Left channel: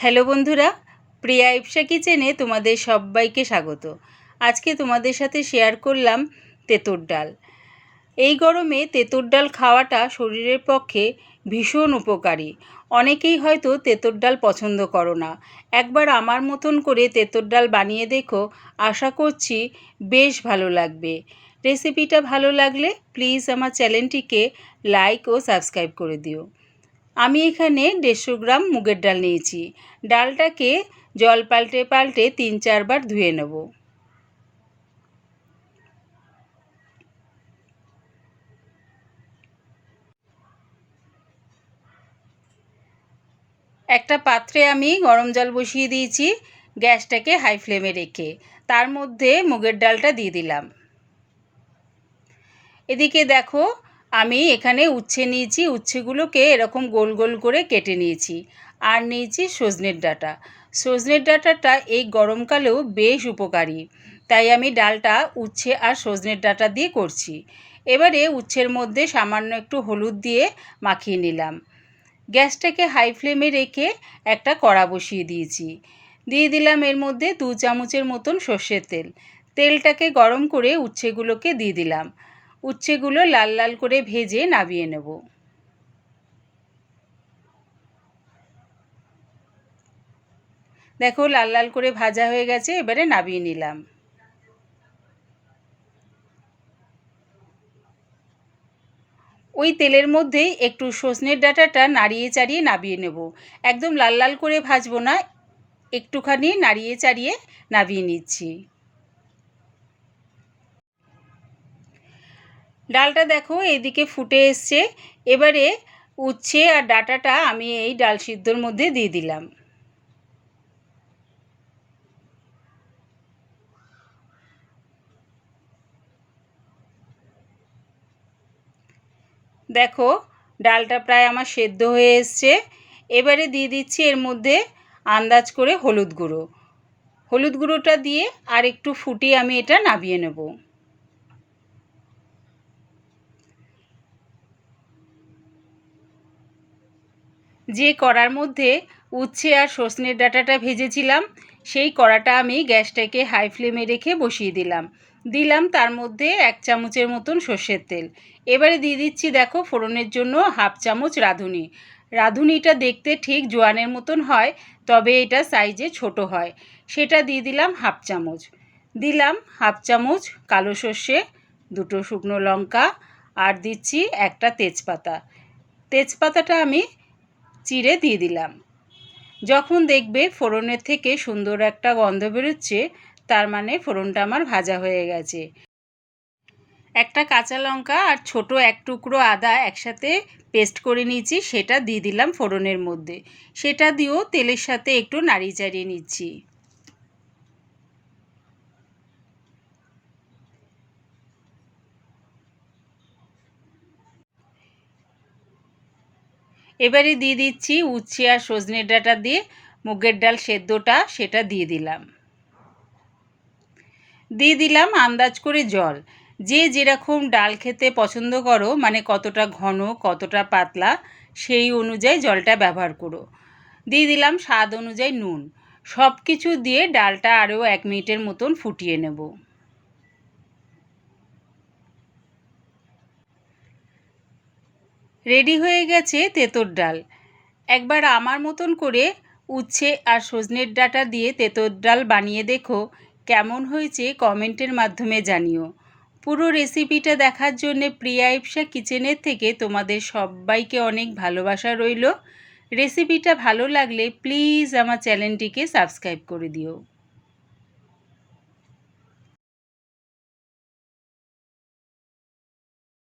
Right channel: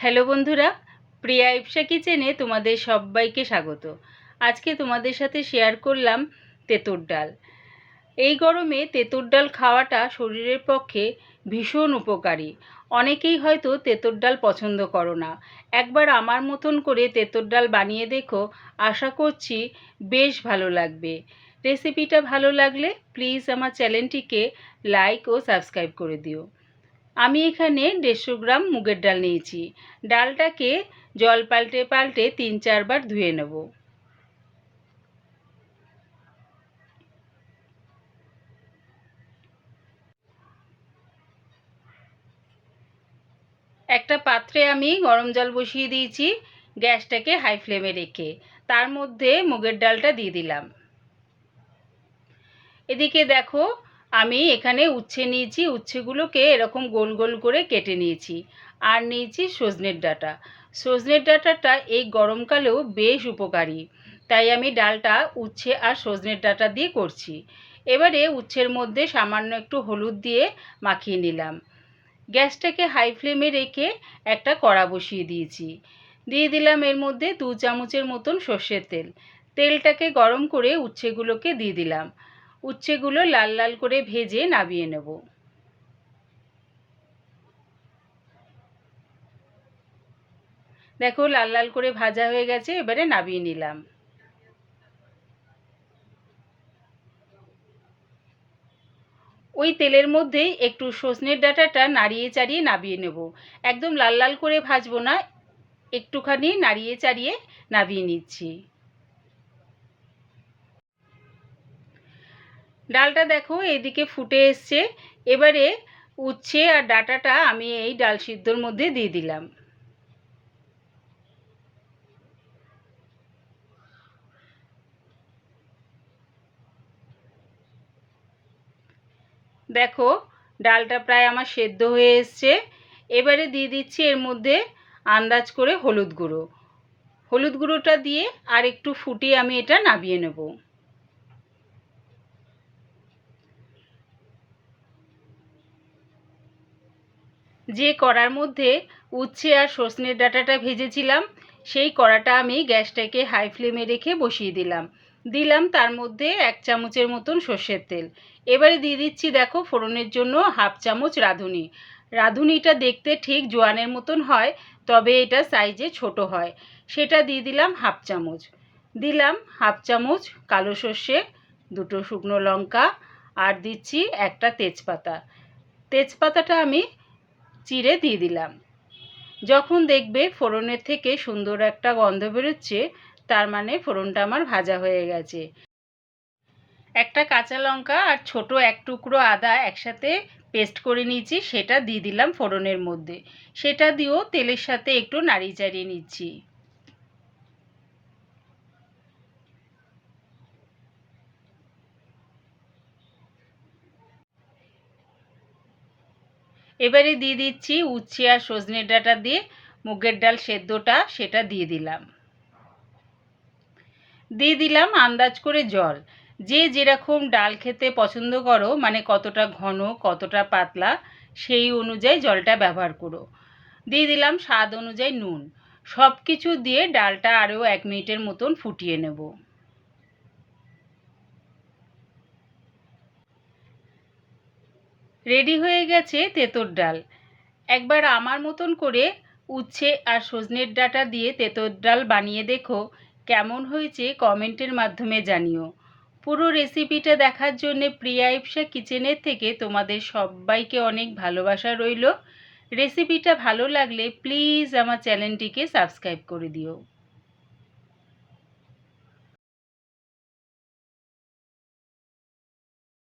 Hello বন্ধুরা, প্রিয়া ইপসা কিচেনে তোমাদের সবাইকে স্বাগত। আজকে তোমাদের সাথে শেয়ার করলাম তেঁতুর ডাল। এই গরমে তেঁতুর ডাল খাওয়াটা শরীরের পক্ষে ভীষণ উপকারী। অনেকেই হয়তো তেঁতুর ডাল পছন্দ করো না। একবার আমার মতন করে তেঁতুর ডাল বানিয়ে দেখো, আশা করছি বেশ ভালো লাগবে। রেসিপিটা ভালো লাগলে প্লিজ আমার চ্যানেলটিকে লাইক ও সাবস্ক্রাইব করে দিও। আমি এখানে 150 গ্রাম মুগের ডাল নিয়েছি। ডালটাকে জল পাল্টে পাল্টে 3-4 বার ধুয়ে নেব। একটা পাত্রে আমি গরম জল বসিয়ে দিয়েছি, গ্যাসটাকে হাই ফ্লেমে রেখে। তার মধ্যে মুগের ডালটা দিয়ে দিলাম। এদিকে দেখো, আমি এখানে উচ্ছে নিয়েছি, উচ্ছেগুলোকে এরকম গোল গোল করে কেটে নিয়েছি। আর নিয়েছি সজনের ডাঁটা। সজনের ডাঁটাটা এই গরমকালেও বেশ উপকারী, তাই আমি ডালটা উচ্ছে আর সজনের ডাঁটা দিয়ে করছি। এবারে উচ্ছের মধ্যে সামান্য একটু হলুদ দিয়ে মাখিয়ে নিলাম। গ্যাসটাকে হাই ফ্লেমে রেখে একটা কড়া বসিয়ে দিয়েছি। দিয়ে দিলাম এর মধ্যে 2 চামচের মতন সর্ষের তেল। তেলটাকে গরম করে উচ্ছেগুলোকে দিয়ে দিলাম। উচ্ছেগুলো লাল লাল করে ভেজে নামিয়ে নেব। দেখো লাল লাল করে ভাজা হয়ে গেছে, এবারে নামিয়ে নিলাম। ওই তেলের মধ্যেই একটু সজনের ডাঁটাটা নাড়িয়ে চাড়িয়ে নামিয়ে নেব। একদম লাল লাল করে ভাজবো না, একটুখানি নাড়িয়ে চাড়িয়ে নামিয়ে নিচ্ছি। ডালটা দেখো এইদিকে ফুটে এসছে। এবারে উচ্ছে আর ডাঁটাটা আমি এই ডাল সিদ্ধর মধ্যে দিয়ে দিলাম। দেখো ডালটা প্রায় আমার সেদ্ধ হয়ে এসছে। এবারে দিয়ে দিচ্ছি এর মধ্যে আন্দাজ করে হলুদ গুঁড়ো। হলুদ গুঁড়োটা দিয়ে আর একটু ফুটিয়ে আমি এটা নামিয়ে নেব। যে কড়ার মধ্যে উচ্ছে আর সজনের ডাঁটাটা ভেজেছিলাম, সেই কড়াটা আমি গ্যাসটাকে হাই ফ্লেমে রেখে বসিয়ে দিলাম তার মধ্যে 1 চামচের মতন সর্ষের তেল। এবারে দিয়ে দিচ্ছি দেখো ফোড়নের জন্য হাফ চামচ রাঁধুনি। রাঁধুনিটা দেখতে ঠিক জোয়ানের মতন হয়, তবে এটা সাইজে ছোট হয়। সেটা দিয়ে দিলাম হাফ চামচ। দিলাম হাফ চামচ কালো সর্ষে, 2টো শুকনো লঙ্কা আর দিচ্ছি একটা তেজপাতা। তেজপাতাটা আমি চিড়ে দিয়ে দিলাম। যখন দেখবে ফোড়নের থেকে সুন্দর একটা গন্ধ বেরোচ্ছে, তার মানে ফোড়নটা আমার ভাজা হয়ে গেছে। একটা কাঁচা লঙ্কা আর ছোট এক টুকরো আদা একসাথে পেস্ট করে নিয়েছি, সেটা দিয়ে দিলাম ফোড়নের মধ্যে। সেটা দিয়েও তেলের সাথে একটু নাড়িয়ে চাড়িয়ে নিচ্ছি। এবারে দিয়ে দিচ্ছি উচ্ছে আর সজনের ডাঁটা দিয়ে মুগের ডাল সেদ্ধটা, সেটা দিয়ে দিলাম আন্দাজ করে জল। যে যেরকম ডাল খেতে পছন্দ করো, মানে কতটা ঘন কতটা পাতলা, সেই অনুযায়ী জলটা ব্যবহার করো। দিয়ে দিলাম স্বাদ অনুযায়ী নুন। সব কিছু দিয়ে ডালটা আরও 1 মিনিটের মতন ফুটিয়ে নেব। রেডি হয়ে গেছে তেঁতুর ডাল। একবার আমার মতন করে উচ্ছে আর সজনের ডাঁটা দিয়ে তেঁতুর ডাল বানিয়ে দেখো, কেমন হয়েছে কমেন্টের মাধ্যমে জানিও। পুরো রেসিপিটা দেখার জন্য প্রিয়া ইপসা কিচেনের থেকে তোমাদের সবাইকে অনেক ভালোবাসা রইল। রেসিপিটা ভালো লাগলে প্লিজ আমার চ্যানেলটিকে সাবস্ক্রাইব করে দিও।